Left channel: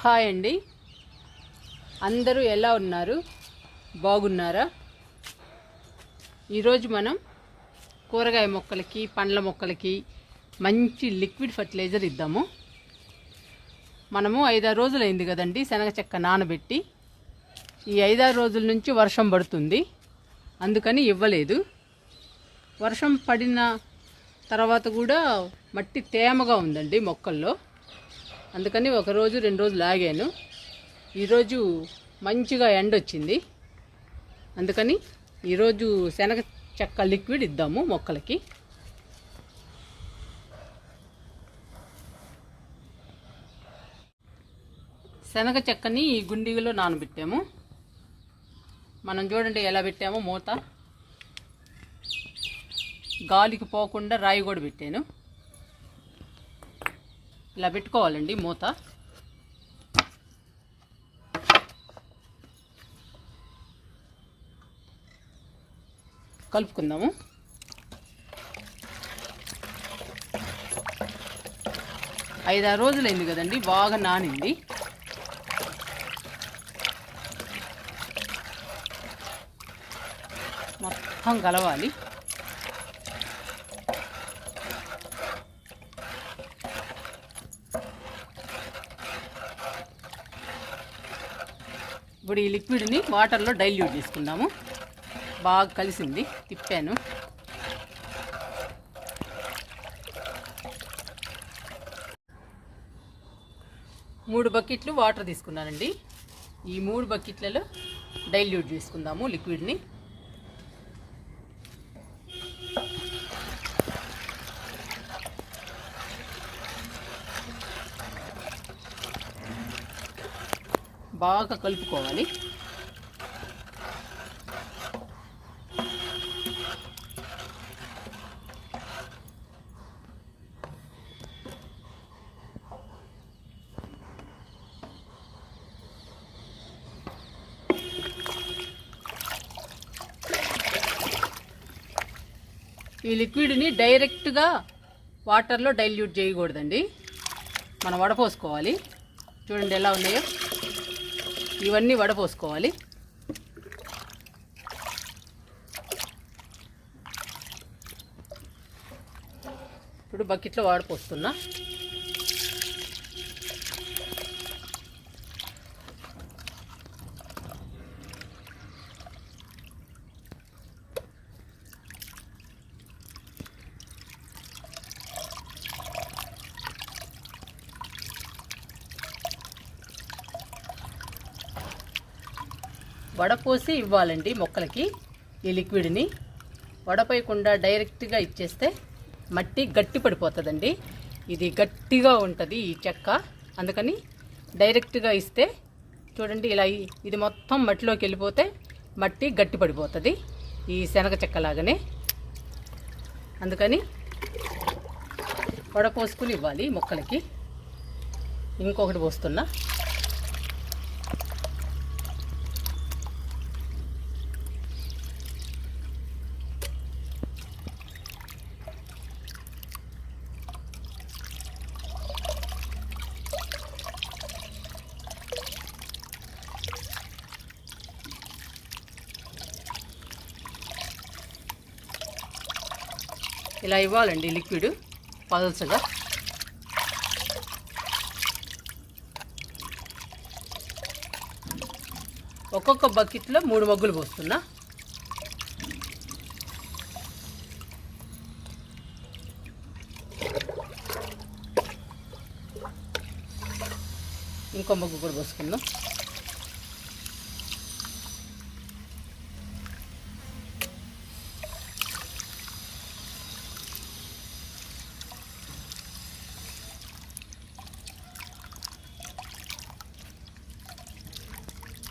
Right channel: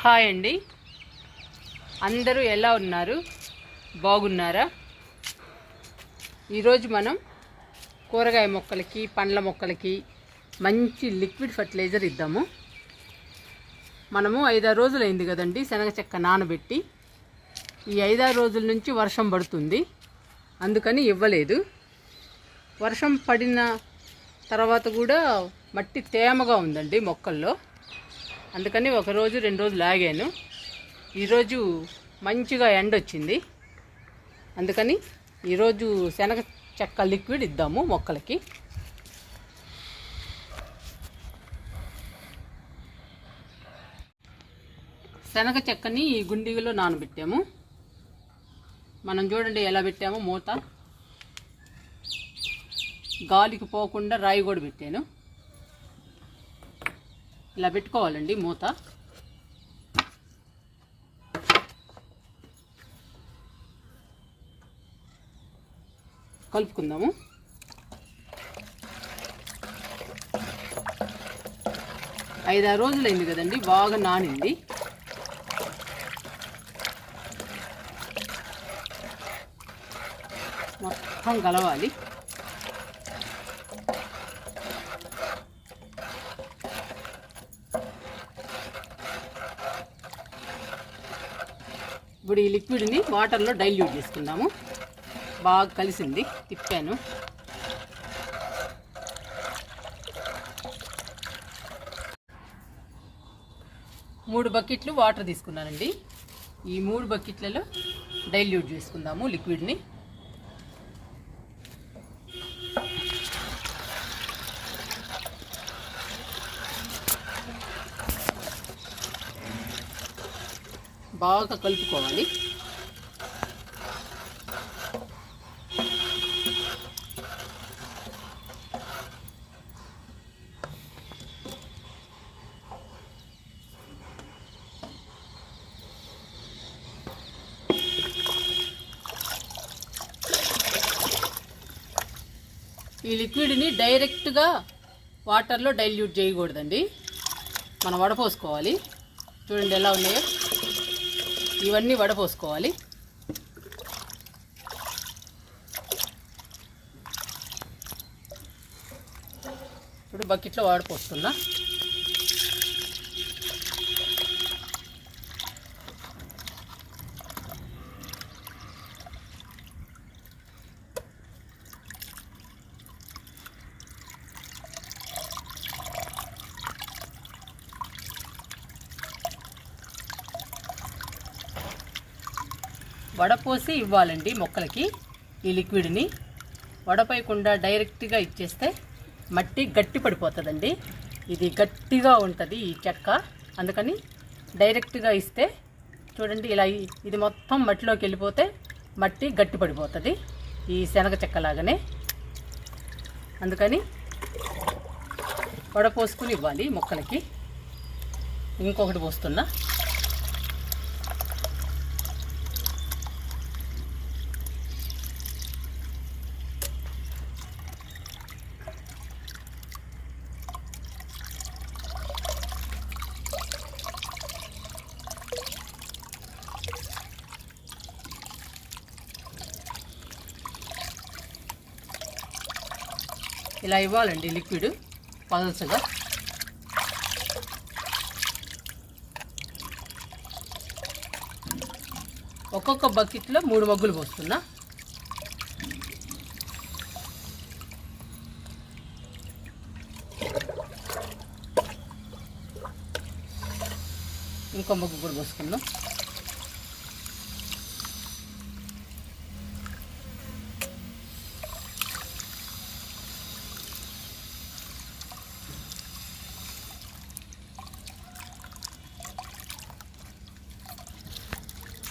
Hi అండి. అందరూ ఎలా ఉన్నారు? బాగున్నారా? ఈరోజు మనం కూరగాయ మొక్కలకి పండ్ల మొక్కలకి మంచి లిక్విడ్ ఫర్టిలైజర్ ఇద్దాము. మనము ఐదారు రోజులు అయింది కదండి శనగ చెక్క నానబెట్టి. ఈ ఐదారు రోజుల నుంచి వర్షం పడుతుంది. అందుకని ఇవ్వలేదు. వర్షం పడిన తర్వాత కూడా మట్టి తేమగా ఉందండి మొక్కల్లో. అందుకని ఒక రోజు రెండు రోజులు ఆగాను. ఈరోజు మంచిగా ఎండ వచ్చింది. అందుకని ఈరోజు శనగ చెక్క లిక్విడ్ ఇద్దాము మొక్కలకి. శనగ చెక్కని ఈ గుండిలో నానబెట్టాము. మనం చూడండి ఎలా పెట్టామో మూత. గాలికి పోకుండా రాయి కూడా పెట్టాను. ఇలా పెట్టుకోవాలండి మూత. కలుపుకుందాము. ఐదారు రోజులైంది కదండి బాగా నానింది. మొత్తం కలవాలి. ఇప్పుడు ఈ లిక్విడ్ని వాటర్లో డైల్యూట్ చేసుకుందాము. బాగా కలిసింది తిప్పాను. మూడు బకెట్లు వాటర్ తీసుకున్నానండి. ఈ మూడు బకెట్లలో డైల్యూట్ చేసుకుందాము లిక్విడ్ని. బాగా కలుపుకోవాలి. ఈ లిక్విడ్ని డైరెక్ట్గా వాటర్లో డైల్యూట్ చేయకూడదండి. మనం వడపోసుకోవాలి. చూడండి ఎలా ఉన్నాయో. ఇవన్నీ వడపోసుకోవాలి. ఇప్పుడు బకెట్లో వాడిపోసుకుందా వడపోసి ఇవ్వాలండి మొక్కలకి ఈ లిక్విడ్ని. వడపోయకుండా డైరెక్ట్గా ఇచ్చేస్తే మట్టి గట్టి పడిపోతుందండి. ఇది గట్టిగా ఉంటుంది ఈ చెక్క. అందుకని డైరెక్ట్గా ఇస్తే చూడండి ఇలా ఇది మొత్తం మట్టిలోకి వెళ్ళిపోతే మట్టి గట్టి పడిపోతుంది ఈ శనగ చెక్కలాగానే. అందుకని వడపోసుకుని ఇవ్వాలి మొక్కలకి. ఇంకొకటి పోస్తున్నా. ఇలా ఇవ్వాలండి లిక్విడ్ పల్సగా ఒక్కొక్క బకెట్లో మూడు మగ్గులు పోస్తున్నా. ఇంకో మగ్గు కూడా పోసుకుందాం.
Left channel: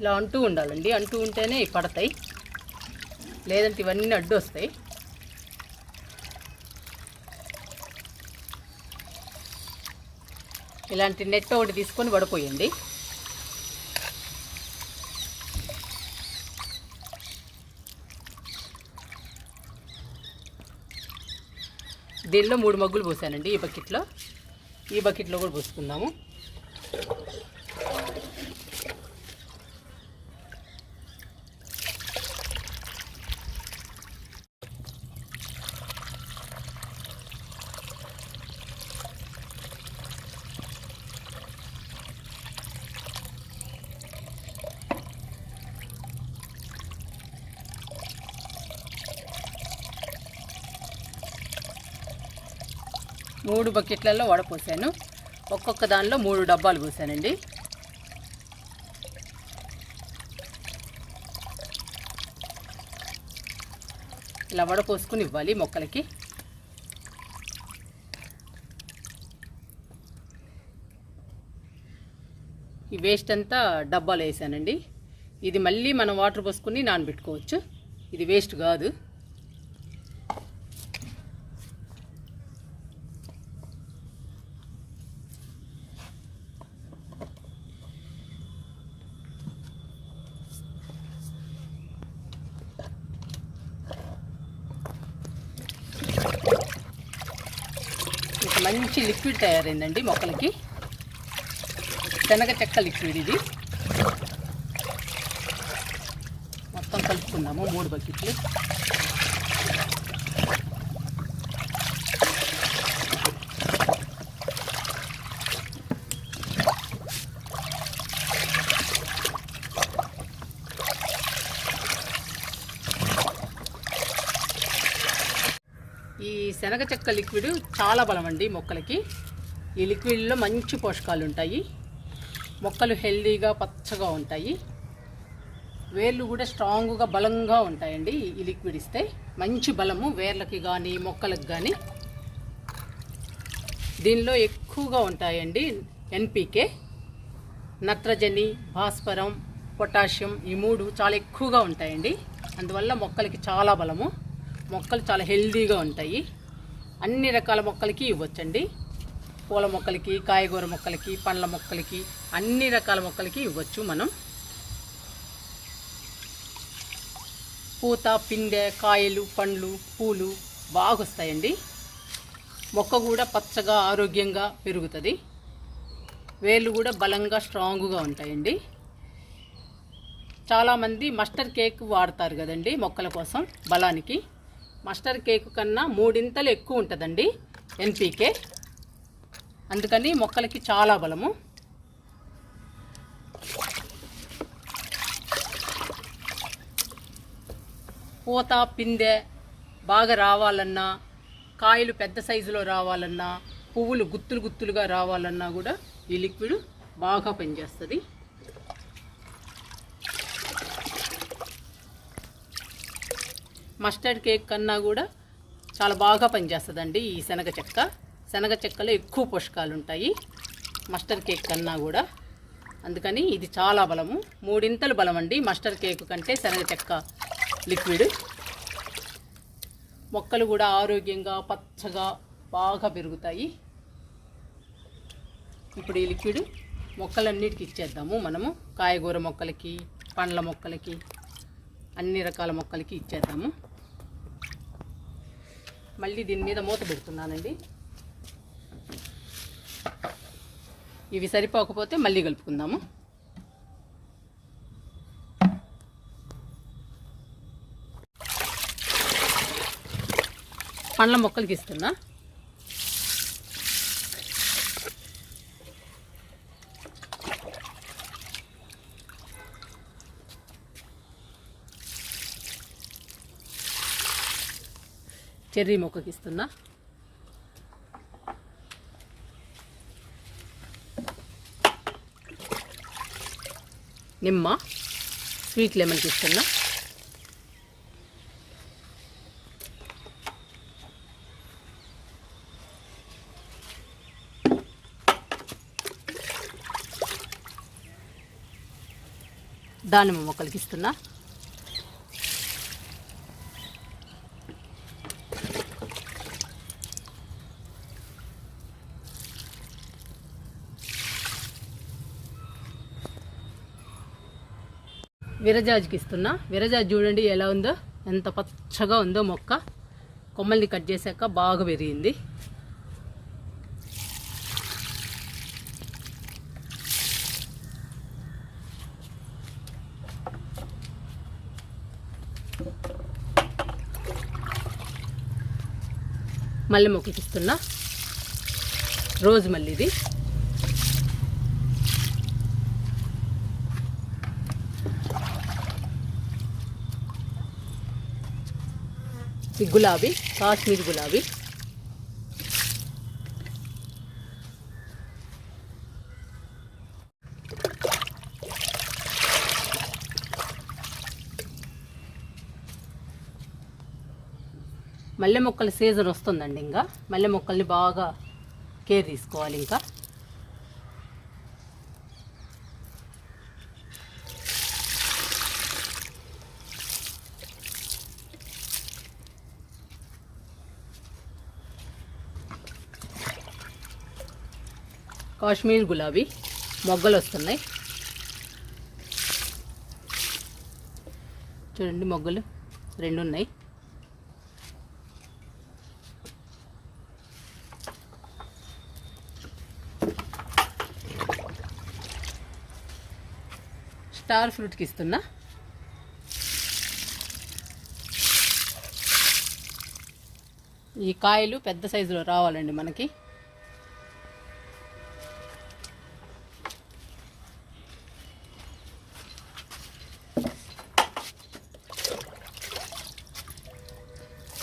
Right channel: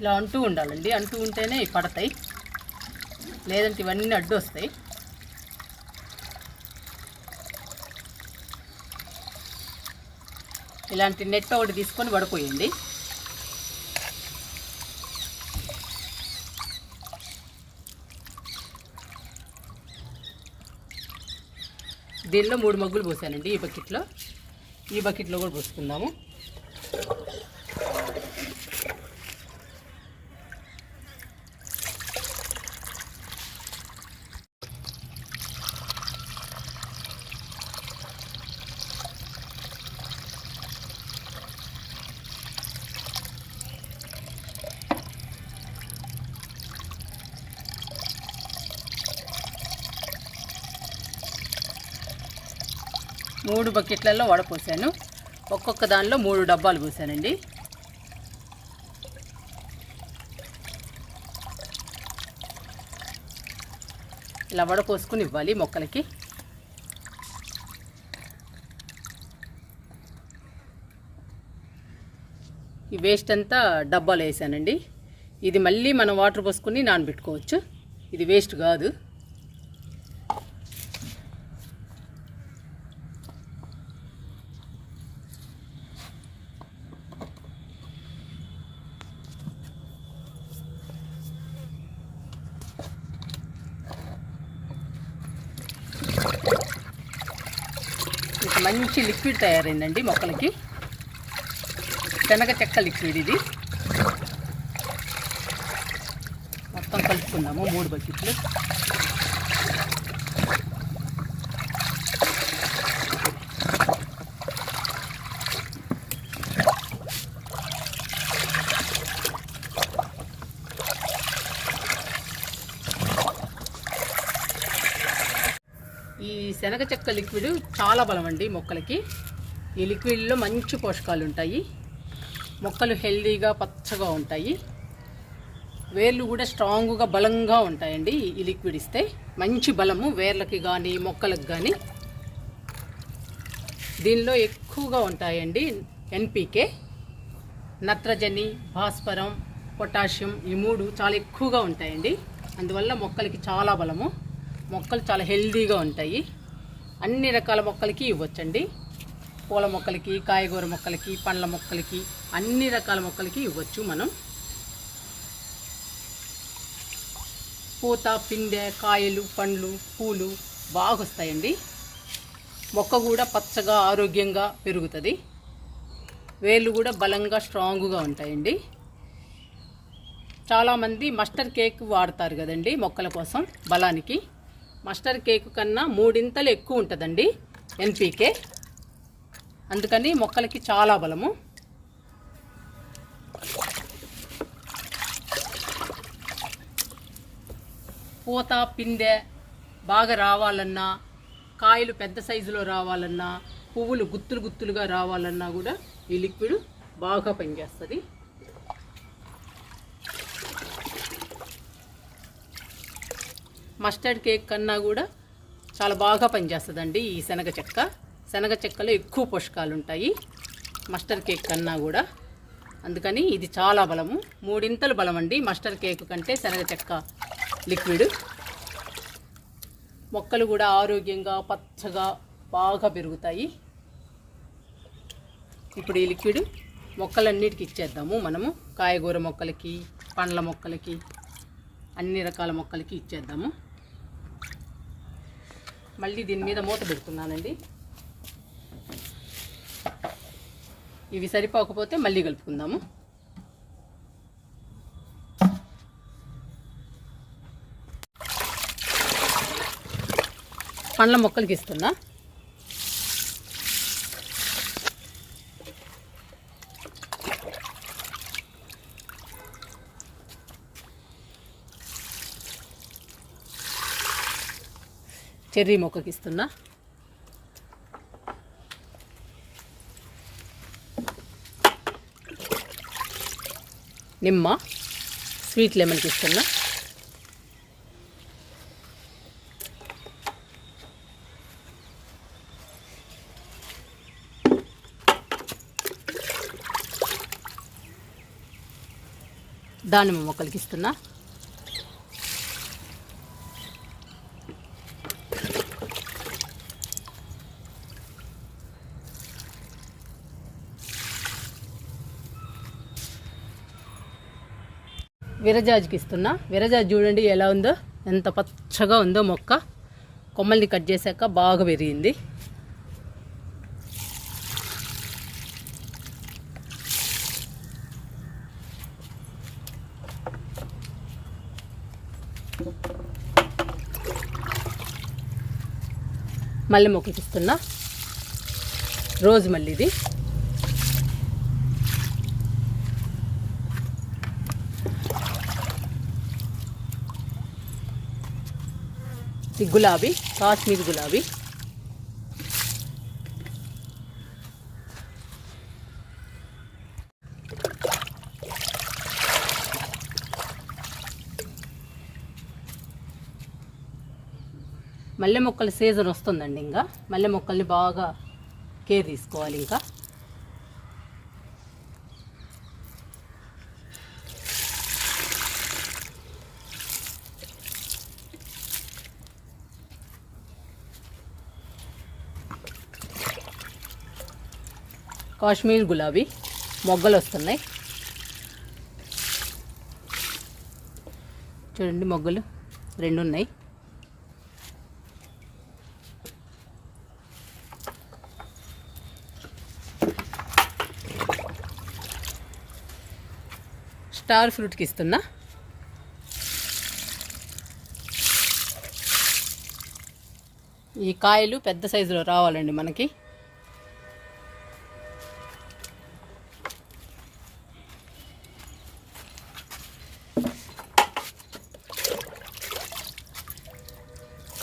ఇలా అంటూ ఉండాలండి. అంటూ ఉంటేనే పడతాయి. లేదంటే ఇవన్నీ అడ్డు వస్తాయి ఇలాంటి నెట్ ఒకటి తీసుకొని పడిపోయింది దీనిలో మూడు మగ్గులు పోసానండి ఈ బకెట్లో. ఈ బకెట్లో కూడా పోసుకుందాము. మూడు బకెట్లలో వడపోసాను. ఒక్కొక్క దానిలో మూడు డబ్బాలు పోసానండి. ఇలా వడపోసుకుని ఇవ్వాలి మొక్కలకి. ఈ వేస్ట్ అంతా డబ్బాలు వేసానండి. ఇది మళ్ళీ మనం వాటర్ పోసుకుని నానబెట్టుకోవచ్చు. ఇది వేస్ట్ కాదు. మంచి లిక్విడ్ తయారైందండి మొక్కలకి. శనగ చెక్క లిక్విడ్ ఇది. మొత్తం కలుపుకుందాము మూడు బకెట్లు. ఈ శనగ చెక్క లిక్విడ్ చాలా బలం అండి మొక్కలకి. ఈ లిక్విడ్లో మంచి పోషకాలు ఉంటాయి. మొక్కలు హెల్దీగా పచ్చగా ఉంటాయి. వేర్లు కూడా స్ట్రాంగ్గా బలంగా ఉంటాయండి ఈ లిక్విడ్ ఇస్తే. మంచి బలము వేర్లకి కానీ మొక్కలకు కానీ దీనిలో ఎక్కువగా ఉంటాయండి ఎన్పికే నత్రజని భాస్వరం పొటాషియం ఈ మూడు చాలా ఎక్కువగా ఉంటాయండి. అందువల్ల మొక్కలకి చాలా బలము. మొక్కలు చాలా హెల్దీగా ఉంటాయి. అన్ని రకాల మొక్కలకి ఇవ్వచ్చండి. పూల మొక్కలకి కాయగూర మొక్కలకి పండ్ల మొక్కలకి అన్ని రకాల మొక్కలకి ఇవ్వచ్చు మనం. పూత పిండె కాయలు పండ్లు పూలు బాగా వస్తాయండి. మొక్క కూడా పచ్చగా ఆరోగ్యంగా పెరుగుతుంది. వేళ్ళు కూడా బలంగా స్ట్రాంగ్గా ఉంటాయండి. చాలామంది మస్టర్ కేక్ వాడతారు కదండి మొక్కల కోసం బలానికి. మస్టర్డ్ కేక్ కన్నా మూడింతలు ఎక్కువ ఉంటుందండి ఎన్పీకే. అందుకని మొక్కలకి చాలా బలము. పూత పిందె బాగా రావాలన్నా కాయలు పెద్ద సైజులో రావాలన్నా పువ్వులు గుత్తులు గుత్తులుగా రావాలన్నా కూడా ఈ లిక్విడ్ బాగా పనిచేస్తుంది. మస్టర్డ్ కేక్ కన్నా కూడా చాలా బాగా పనిచేస్తుందండి ఈ శనగ చెక్క. శనగ చెక్కలో ఎక్కువ పోషకాలు ఉంటాయి. మస్టర్డ్ కేక్ కన్నా కూడా. అందుకని ఇది చాలా బలము. మూడింతలు బలం అండి మస్టర్డ్ కేక్ కంటే శనగ చెక్క లిక్విడ్. మొక్కలు కూడా ఆరోగ్యంగా పచ్చగా బాగా పెరుగుతాయి. ఇప్పుడు ఈ లిక్విడ్ మొక్కలన్నిటికి ఇచ్చేద్దాము మనము. కాయగూర మొక్కలకి పండ్ల మొక్కలకి అన్ని రకాల మొక్కలకి ఇచ్చేద్దాము. మళ్ళీ దీని మీద మూత పెడుతున్నానండి. ఇవి సరిపోకపోతే మళ్ళీ కలుపుకుందాము. పండ్ల మొక్కలు తీసుకుందాం. చెర్రీ మొక్కకి ఇస్తున్నా నిమ్మ స్వీట్ లెమన్కి ఇస్తున్నా దానిమ్మ మొక్కలకి ఇస్తున్నా విరజాజ్కి ఇస్తున్నా విరజాజ్ చూడండి ఎలా ఉందో. ఎంత పచ్చగా ఉందో మొక్క. కొమ్మల్ని కట్ చేశాక బాగా పెరిగింది మళ్ళీ మొక్కకి ఇస్తున్నా రోజు మళ్ళీ ఇది. గులాబీ కాశ్మీర్ గులాబీ. మల్లె మొక్కల సీజన్ వస్తుందండి ఇంకా. మల్లె మొక్కల్ని బాగా కేర్ తీసుకోవాలి ఇంకా. కాశ్మీర్ గులాబీ మొగ్గలు వస్తున్నాయి చూడండి మొగ్గలు రెండు ఉన్నాయి స్టార్ ఫ్రూట్కి ఇస్తున్నా. ఈ కాయలు పెద్ద సైజులో రావాలండి మనకి.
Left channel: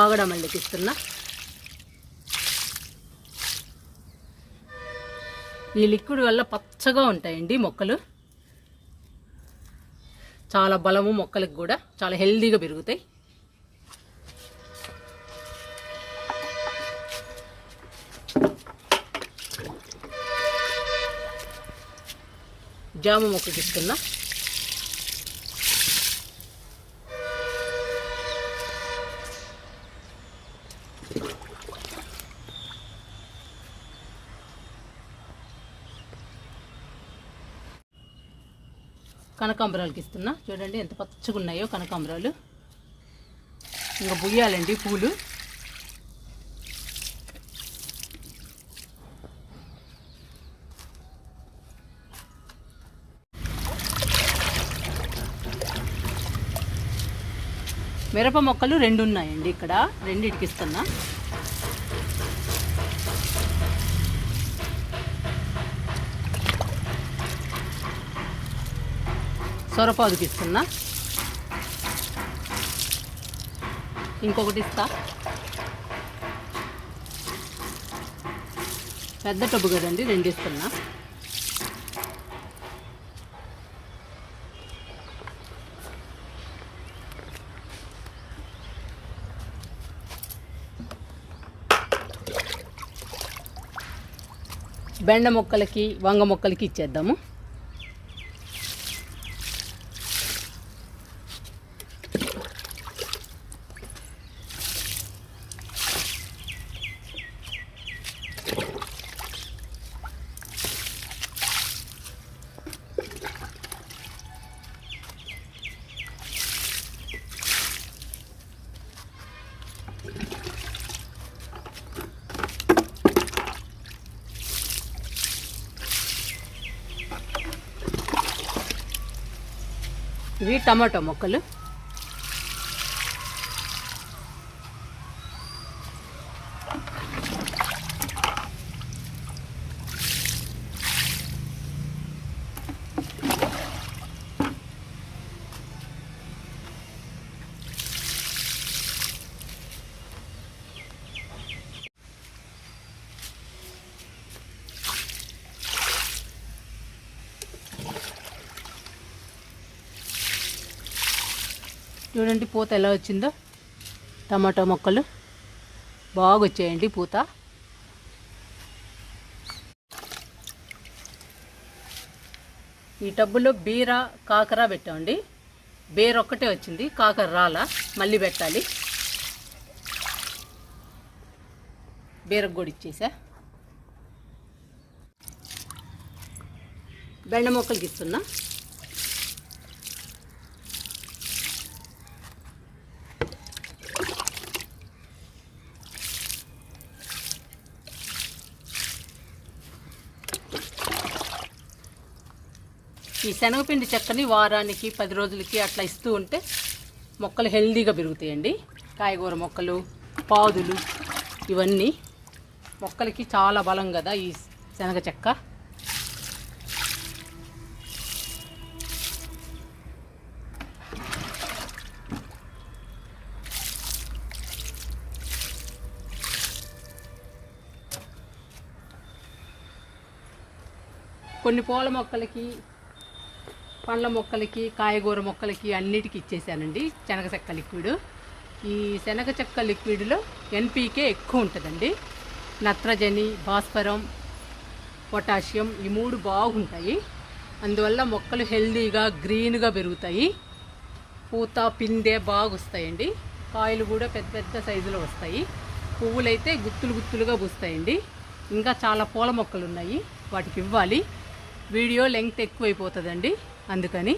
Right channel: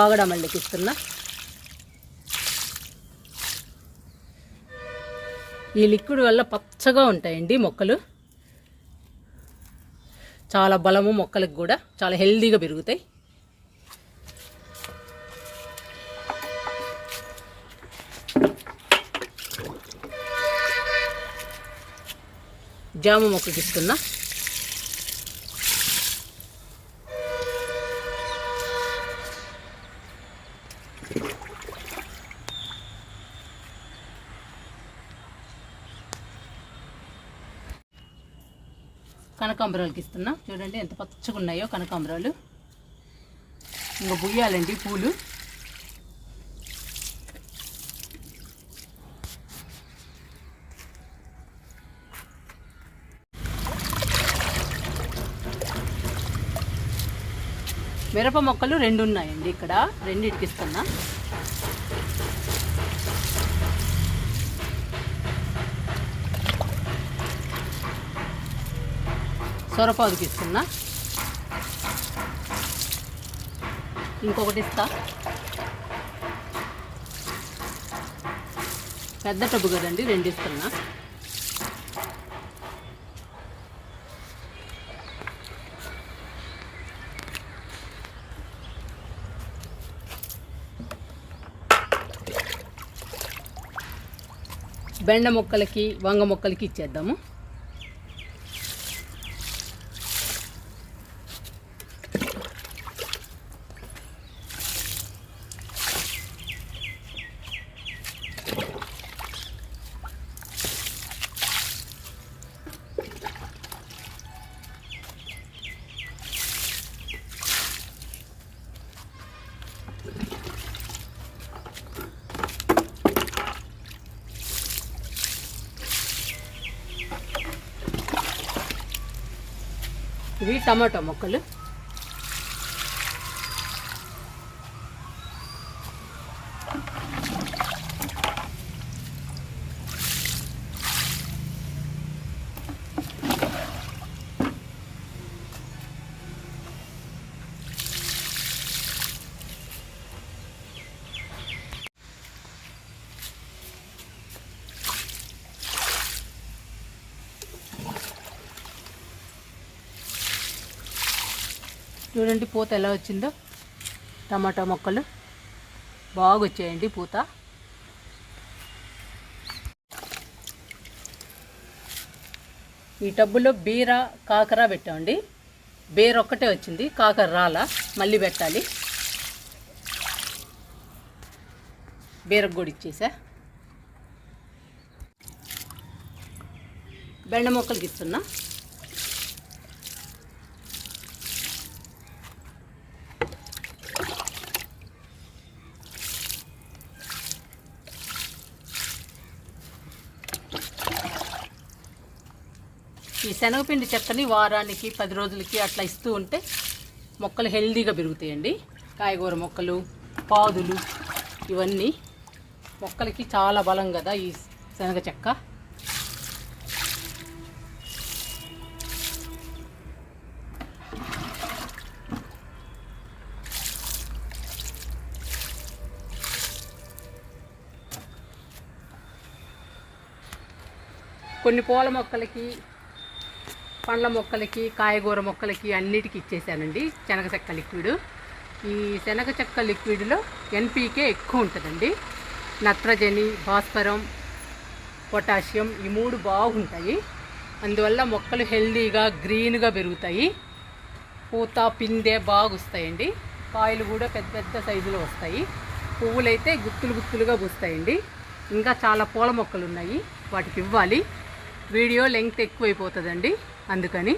కాగడ మల్లికి ఇస్తున్నా ఈ లిక్విడ్ వల్ల పచ్చగా ఉంటాయండి మొక్కలు. చాలా బలము మొక్కలకు కూడా చాలా హెల్దీగా పెరుగుతాయి. జామ మొక్కకి ఇస్తున్నా. కనకాంబరాలకి ఇస్తున్నా. చూడండి ఎంత పచ్చగా ఉన్నాయో కనకాంబరాలు. ఇంకా బుయ్యాలండి పూలు. మిరప మొక్కలు రెండు ఉన్నాయండి ఇక్కడ. రెండింటికి ఇస్తున్నా. సొరపాదుకి ఇస్తున్నా ఇంకొకటి ఇస్తా. పెద్ద టబ్బు కదండి రెండు ఇస్తున్నా. బెండ మొక్కలకి వంగ మొక్కలకి ఇచ్చేద్దాము. ఇవి టమాటో మొక్కలు. చూడండి పూత ఎలా వచ్చిందో. టమాటా మొక్కలు బాగా వచ్చాయండి పూత. ఈ టబ్బులో బీర కాకర పెట్టామండి. బీర ఒక్కటే వచ్చింది కాకర రాలా మళ్ళీ పెట్టాలి. బీరకు కూడా ఇచ్చేసా. బెండ మొక్కలకి ఇస్తున్నా. శనగపిండి చెక్కని వారానికి పది రోజులకి అట్లా ఇస్తూ ఉంటే మొక్కలు హెల్దీగా పెరుగుతాయండి. కాయగూర మొక్కలు పాదులు ఇవన్నీ మొక్కలకి చాలా బలం కదా ఈ శనగ చెక్క. కొన్ని పూల మొక్కలకి పండ్ల మొక్కలకి కాయగూర మొక్కలకి అన్నిటికీ ఇచ్చేసానండి. శనగ చెక్క లిక్విడ్. ఈ శనగ చెక్క లిక్విడ్లో ఎన్పీకే ఎక్కువ ఉంటుందండి. నత్రజని భాస్వరం పొటాషియం ఈ మూడు బాగుంటాయి. అందువల్ల మొక్కలు హెల్దీగా గ్రీన్గా పెరుగుతాయి. పూత పిందె బాగా వస్తాయండి కాయలు కూడా పెద్ద పెద్ద సైజులో వస్తాయి. పువ్వులైతే గుత్తులు గుత్తులుగా పూస్తాయండి. ఇంకా చాలా పూల మొక్కలు ఉన్నాయి వాటికి ఇవ్వాలి. వీడియో లెంగ్త్ ఎక్కువైపోతుందండి. అందుకని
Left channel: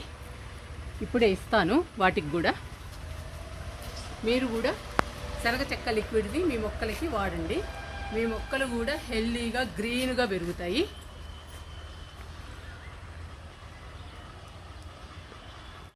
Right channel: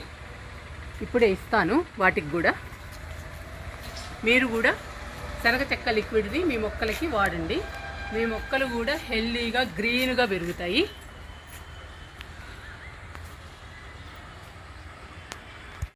ఇప్పుడే ఇస్తాను వాటికి కూడా. మీరు కూడా శనగ చెక్క లిక్విడ్ది మీ మొక్కలకి వాడండి. మీ మొక్కలు కూడా హెల్దీగా గ్రీన్గా పెరుగుతాయి.